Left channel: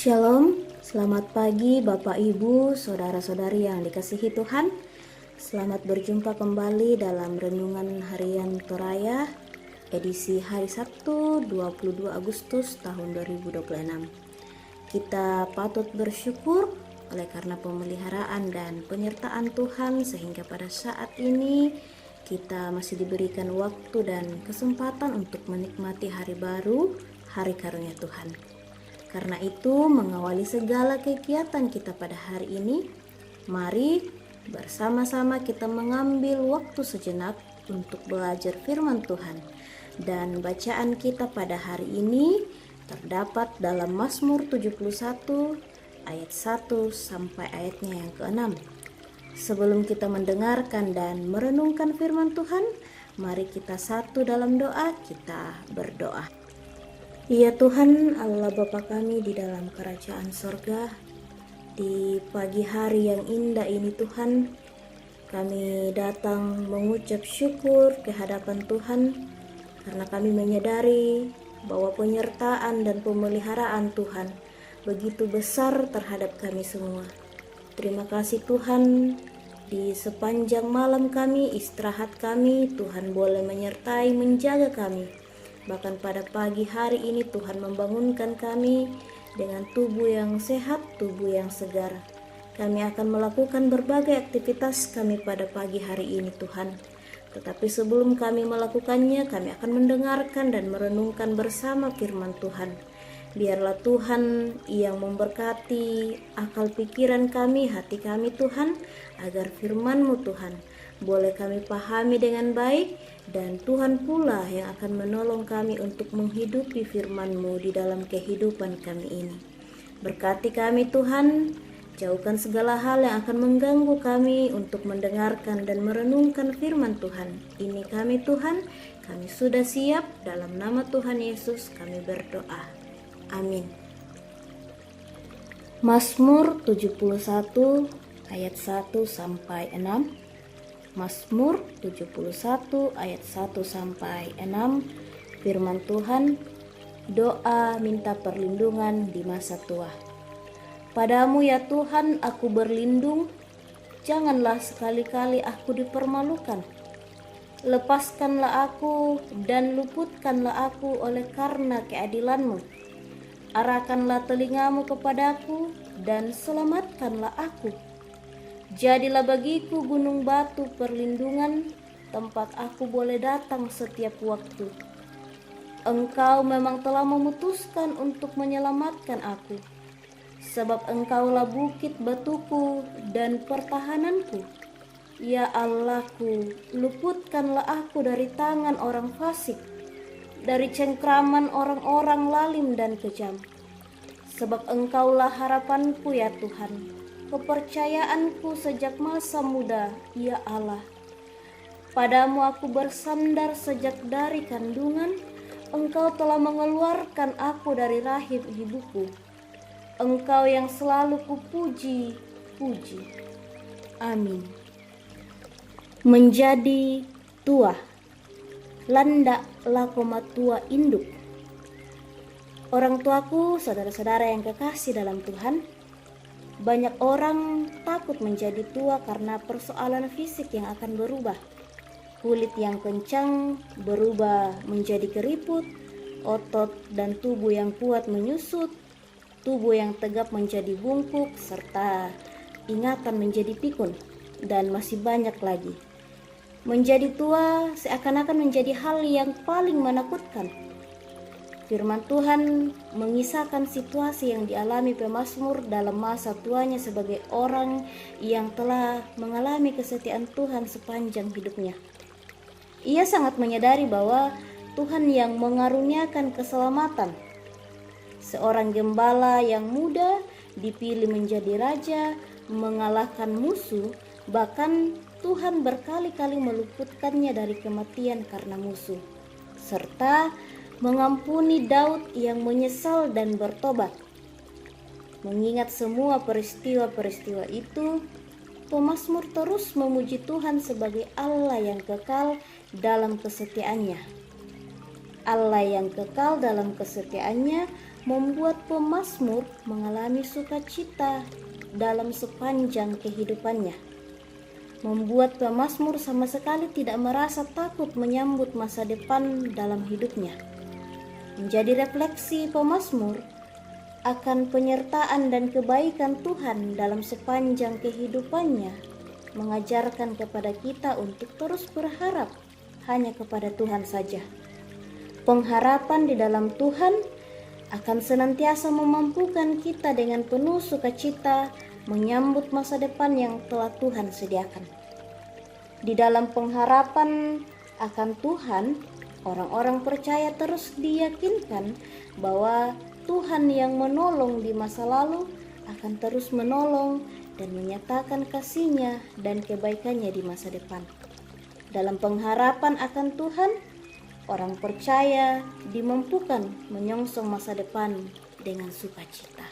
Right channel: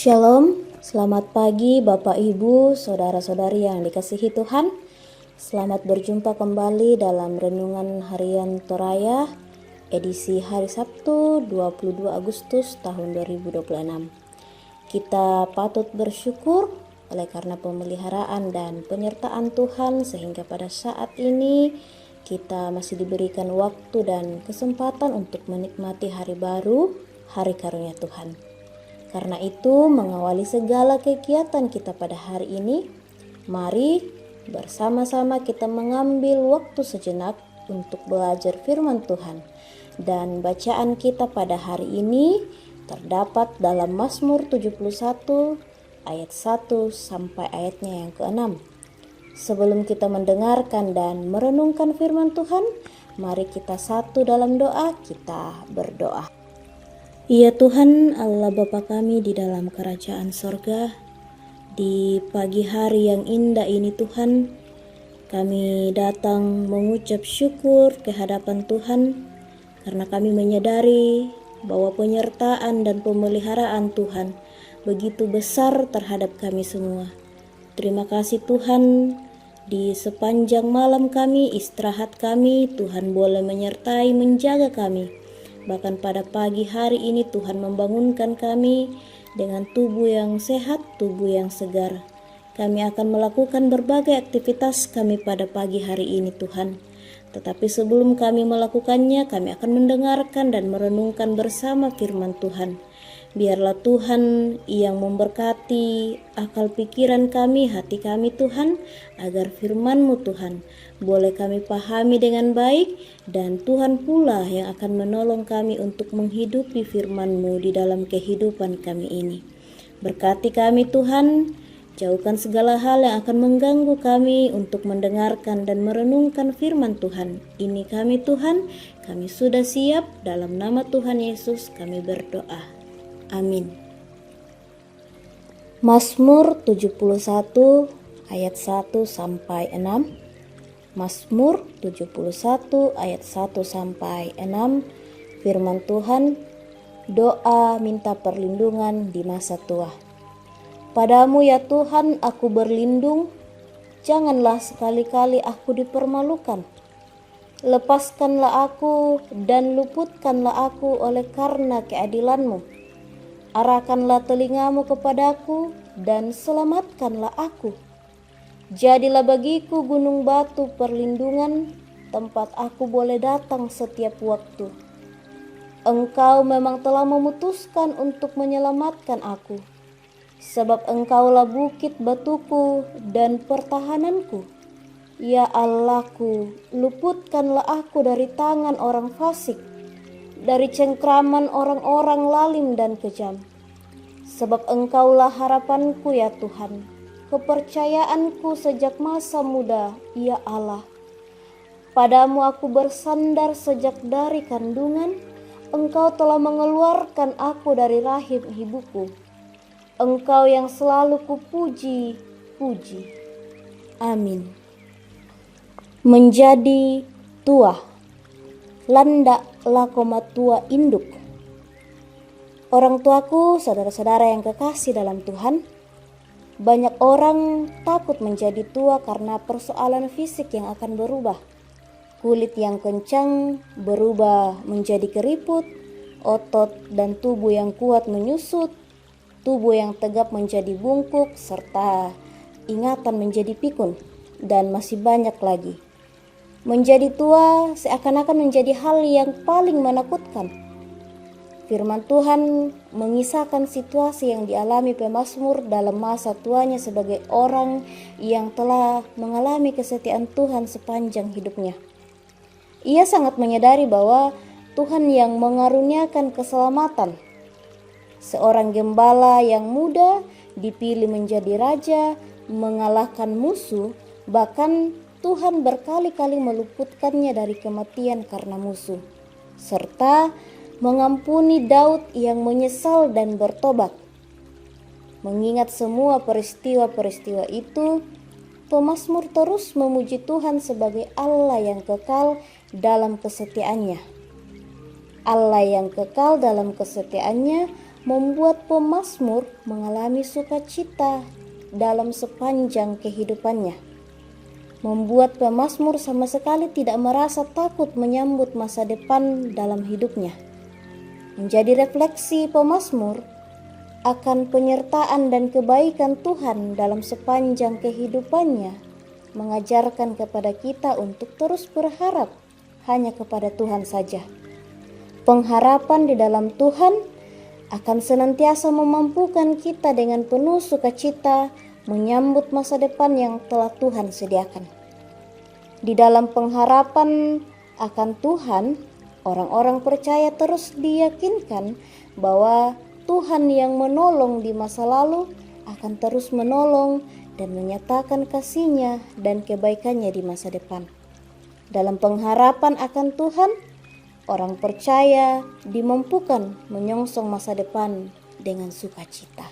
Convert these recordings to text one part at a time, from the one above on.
Shalom, selamat pagi Bapak Ibu, Saudara-saudari yang dikasihi Tuhan. Selamat berjumpa kembali dalam Renungan Harian Toraya, edisi hari Sabtu 22 Agustus tahun 2026. Kita patut bersyukur oleh karena pemeliharaan dan penyertaan Tuhan sehingga pada saat ini kita masih diberikan waktu dan kesempatan untuk menikmati hari baru, hari karunia Tuhan. Karena itu, mengawali segala kegiatan kita pada hari ini, mari bersama-sama kita mengambil waktu sejenak untuk belajar firman Tuhan. Dan bacaan kita pada hari ini terdapat dalam Mazmur 71 ayat 1 sampai ayatnya yang ke-6. Sebelum kita mendengarkan dan merenungkan firman Tuhan, mari kita satu dalam doa, kita berdoa. Ya Tuhan Allah Bapa kami di dalam kerajaan sorga, di pagi hari yang indah ini Tuhan, kami datang mengucap syukur ke hadapan Tuhan karena kami menyadari bahwa penyertaan dan pemeliharaan Tuhan begitu besar terhadap kami semua. Terima kasih Tuhan, di sepanjang malam kami, istirahat kami, Tuhan boleh menyertai, menjaga kami. Bahkan pada pagi hari ini Tuhan membangunkan kami dengan tubuh yang sehat, tubuh yang segar. Kami akan melakukan berbagai aktivitas kami pada pagi hari ini Tuhan. Tetapi sebelum kami melakukannya, kami akan mendengarkan dan merenungkan bersama firman Tuhan. Biarlah Tuhan yang memberkati akal pikiran kami, hati kami Tuhan, agar firman-Mu Tuhan boleh kami pahami dengan baik, dan Tuhan pula yang akan menolong kami untuk menghidupi firman-Mu di dalam kehidupan kami ini. Berkati kami Tuhan, jauhkan segala hal yang akan mengganggu kami untuk mendengarkan dan merenungkan firman Tuhan. Ini kami Tuhan, kami sudah siap, dalam nama Tuhan Yesus kami berdoa. Amin. Mazmur 71 ayat 1 sampai 6. Mazmur 71 ayat 1 sampai 6. Firman Tuhan, doa minta perlindungan di masa tua. Padamu ya Tuhan aku berlindung, janganlah sekali-kali aku dipermalukan. Lepaskanlah aku dan luputkanlah aku oleh karena keadilan-Mu. Arahkanlah telingamu kepadaku dan selamatkanlah aku. Jadilah bagiku gunung batu perlindungan, tempat aku boleh datang setiap waktu. Engkau memang telah memutuskan untuk menyelamatkan aku, sebab Engkaulah bukit batuku dan pertahananku. Ya Allahku, luputkanlah aku dari tangan orang fasik, dari cengkraman orang-orang lalim dan kejam. Sebab Engkaulah harapanku ya Tuhan, kepercayaanku sejak masa muda, ya Allah. Padamu aku bersandar sejak dari kandungan, Engkau telah mengeluarkan aku dari rahim ibuku. Engkau yang selalu kupuji-puji. Amin. Menjadi tua. Landak lakoma tua induk. Orang tuaku, saudara-saudara yang kekasih dalam Tuhan, banyak orang takut menjadi tua karena persoalan fisik yang akan berubah. Kulit yang kencang berubah menjadi keriput, otot dan tubuh yang kuat menyusut, tubuh yang tegap menjadi bungkuk, serta ingatan menjadi pikun, dan masih banyak lagi. Menjadi tua seakan-akan menjadi hal yang paling menakutkan. Firman Tuhan mengisahkan situasi yang dialami pemazmur dalam masa tuanya sebagai orang yang telah mengalami kesetiaan Tuhan sepanjang hidupnya. Ia sangat menyadari bahwa Tuhan yang mengaruniakan keselamatan. Seorang gembala yang muda dipilih menjadi raja, mengalahkan musuh, bahkan Tuhan berkali-kali meluputkannya dari kematian karena musuh, serta mengampuni Daud yang menyesal dan bertobat. Mengingat semua peristiwa-peristiwa itu, pemazmur terus memuji Tuhan sebagai Allah yang kekal dalam kesetiaannya. Allah yang kekal dalam kesetiaannya membuat pemazmur mengalami sukacita dalam sepanjang kehidupannya. Membuat pemazmur sama sekali tidak merasa takut menyambut masa depan dalam hidupnya. Menjadi refleksi pemazmur akan penyertaan dan kebaikan Tuhan dalam sepanjang kehidupannya, mengajarkan kepada kita untuk terus berharap hanya kepada Tuhan saja. Pengharapan di dalam Tuhan akan senantiasa memampukan kita dengan penuh sukacita menyambut masa depan yang telah Tuhan sediakan. Di dalam pengharapan akan Tuhan, orang-orang percaya terus diyakinkan bahwa Tuhan yang menolong di masa lalu akan terus menolong dan menyatakan kasih-Nya dan kebaikannya di masa depan. Dalam pengharapan akan Tuhan, orang percaya dimampukan menyongsong masa depan dengan sukacita.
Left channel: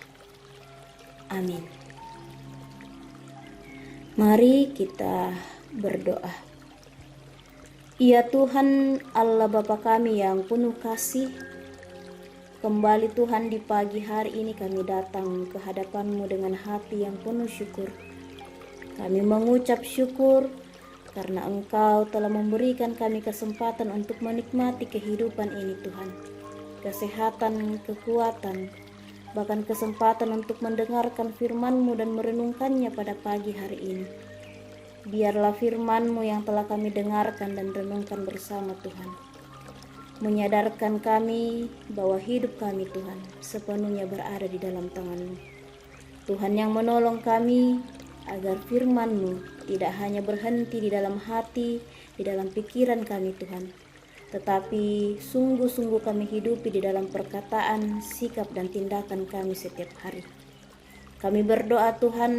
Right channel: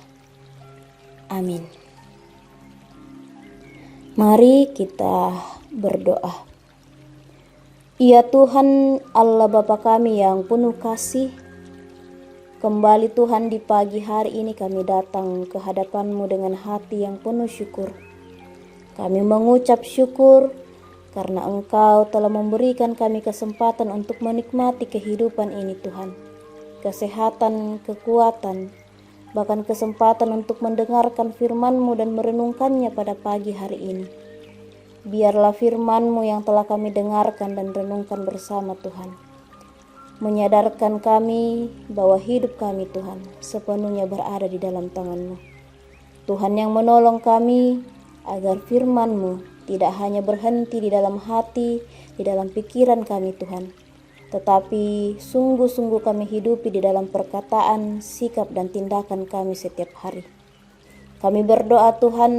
Amin. Mari kita berdoa. Ya Tuhan Allah Bapa kami yang penuh kasih, kembali Tuhan di pagi hari ini kami datang ke hadapan-Mu dengan hati yang penuh syukur. Kami mengucap syukur karena Engkau telah memberikan kami kesempatan untuk menikmati kehidupan ini Tuhan. Kesehatan, kekuatan, bahkan kesempatan untuk mendengarkan firman-Mu dan merenungkannya pada pagi hari ini. Biarlah firman-Mu yang telah kami dengarkan dan renungkan bersama Tuhan, menyadarkan kami bahwa hidup kami Tuhan sepenuhnya berada di dalam tangan-Mu. Tuhan yang menolong kami agar firman-Mu tidak hanya berhenti di dalam hati, di dalam pikiran kami Tuhan, tetapi sungguh-sungguh kami hidupi di dalam perkataan, sikap dan tindakan kami setiap hari. Kami berdoa Tuhan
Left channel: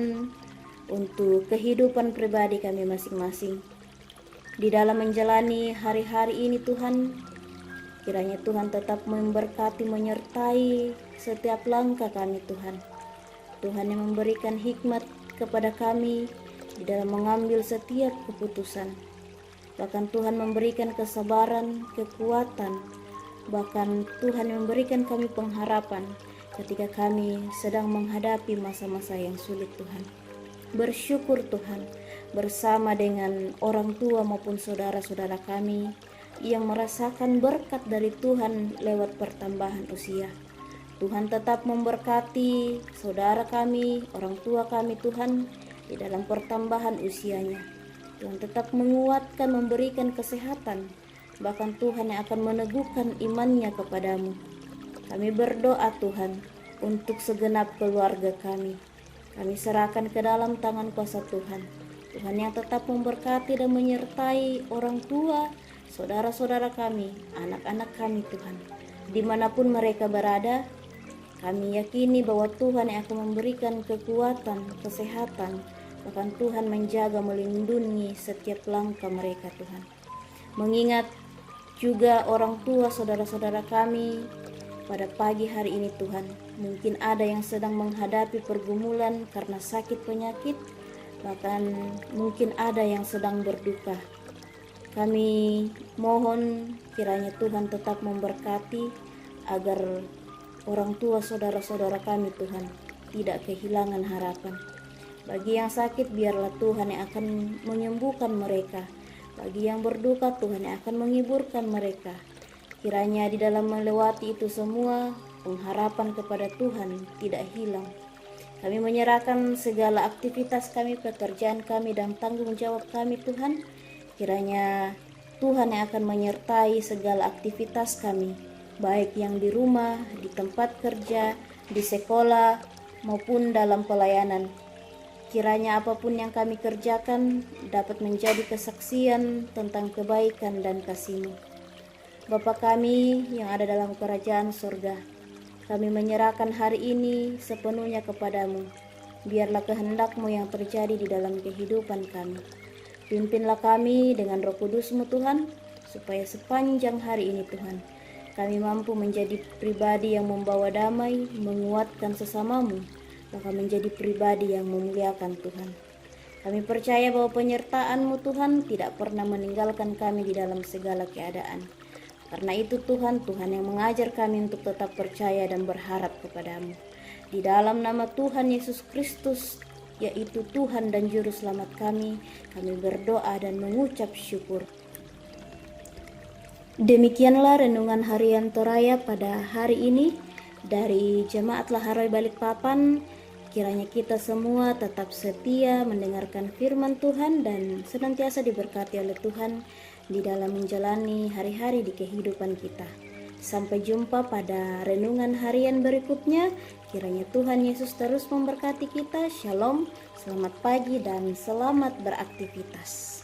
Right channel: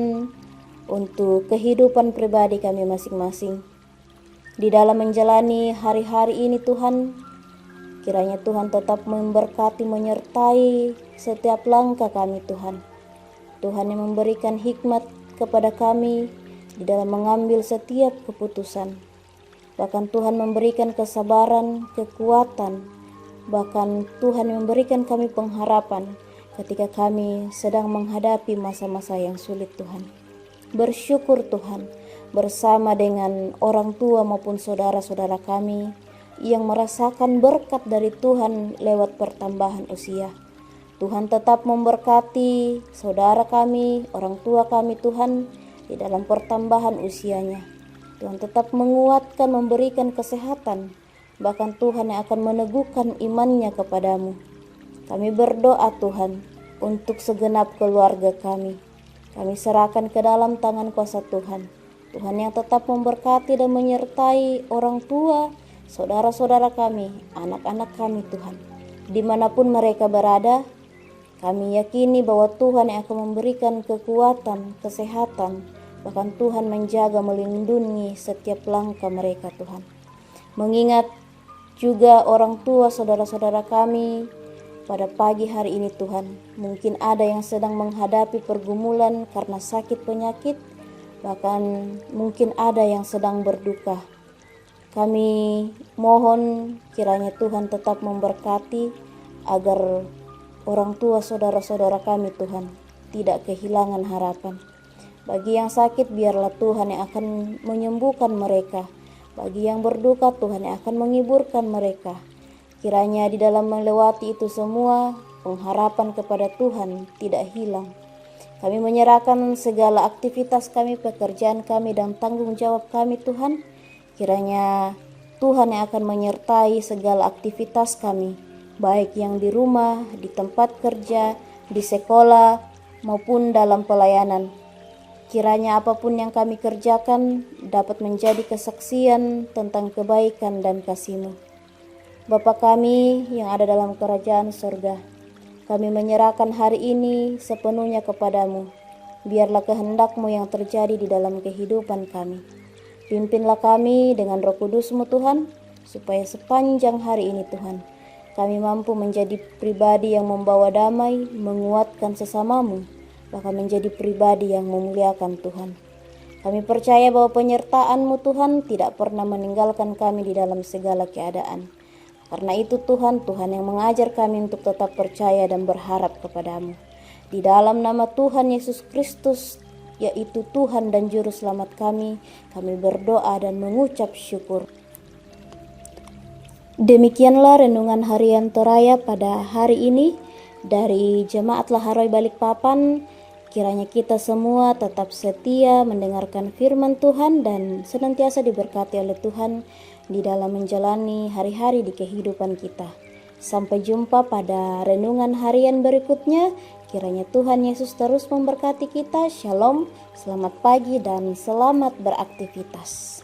untuk kehidupan pribadi kami masing-masing. Di dalam menjalani hari-hari ini Tuhan, kiranya Tuhan tetap memberkati, menyertai setiap langkah kami Tuhan. Tuhan yang memberikan hikmat kepada kami di dalam mengambil setiap keputusan. Bahkan Tuhan memberikan kesabaran, kekuatan. Bahkan Tuhan memberikan kami pengharapan ketika kami sedang menghadapi masa-masa yang sulit Tuhan. Bersyukur Tuhan bersama dengan orang tua maupun saudara-saudara kami yang merasakan berkat dari Tuhan lewat pertambahan usia. Tuhan tetap memberkati saudara kami, orang tua kami Tuhan di dalam pertambahan usianya. Tuhan tetap menguatkan, memberikan kesehatan, bahkan Tuhan yang akan meneguhkan imannya kepadamu. Kami berdoa Tuhan untuk segenap keluarga kami. Kami serahkan ke dalam tangan kuasa Tuhan. Tuhan yang tetap memberkati dan menyertai orang tua, saudara-saudara kami, anak-anak kami Tuhan. Dimanapun mereka berada, kami yakini bahwa Tuhan yang akan memberikan kekuatan, kesehatan, bahkan Tuhan menjaga, melindungi setiap langkah mereka Tuhan. Mengingat juga orang tua saudara-saudara kami pada pagi hari ini Tuhan, mungkin ada yang sedang menghadapi pergumulan karena sakit penyakit, bahkan mungkin ada yang sedang berduka. Kami mohon kiranya Tuhan tetap memberkati agar orang tua saudara-saudara kami Tuhan tidak kehilangan harapan. Bagi yang sakit biarlah Tuhan yang akan menyembuhkan mereka. Bagi yang berduka Tuhan yang akan menghiburkan mereka. Kiranya di dalam melewati itu semua, pengharapan kepada Tuhan tidak hilang. Kami menyerahkan segala aktivitas kami, pekerjaan kami, dan tanggung jawab kami Tuhan. Kiranya Tuhan yang akan menyertai segala aktivitas kami, baik yang di rumah, di tempat kerja, di sekolah, maupun dalam pelayanan. Kiranya apapun yang kami kerjakan dapat menjadi kesaksian tentang kebaikan dan kasih-Mu. Bapa kami yang ada dalam kerajaan surga, kami menyerahkan hari ini sepenuhnya kepadamu. Biarlah kehendak-Mu yang terjadi di dalam kehidupan kami. Pimpinlah kami dengan Roh Kudus-Mu Tuhan, supaya sepanjang hari ini Tuhan, kami mampu menjadi pribadi yang membawa damai, menguatkan sesamamu, bahkan menjadi pribadi yang memuliakan Tuhan. Kami percaya bahwa penyertaan-Mu Tuhan tidak pernah meninggalkan kami di dalam segala keadaan. Karena itu Tuhan yang mengajar kami untuk tetap percaya dan berharap kepadamu. Di dalam nama Tuhan Yesus Kristus, yaitu Tuhan dan Juru Selamat kami berdoa dan mengucap syukur. Demikianlah renungan harian Toraya pada hari ini dari Jemaat Laharoi Balikpapan. Kiranya kita semua tetap setia mendengarkan firman Tuhan dan senantiasa diberkati oleh Tuhan di dalam menjalani hari-hari di kehidupan kita. Sampai jumpa pada renungan harian berikutnya. Kiranya Tuhan Yesus terus memberkati kita. Shalom, selamat pagi dan selamat beraktivitas.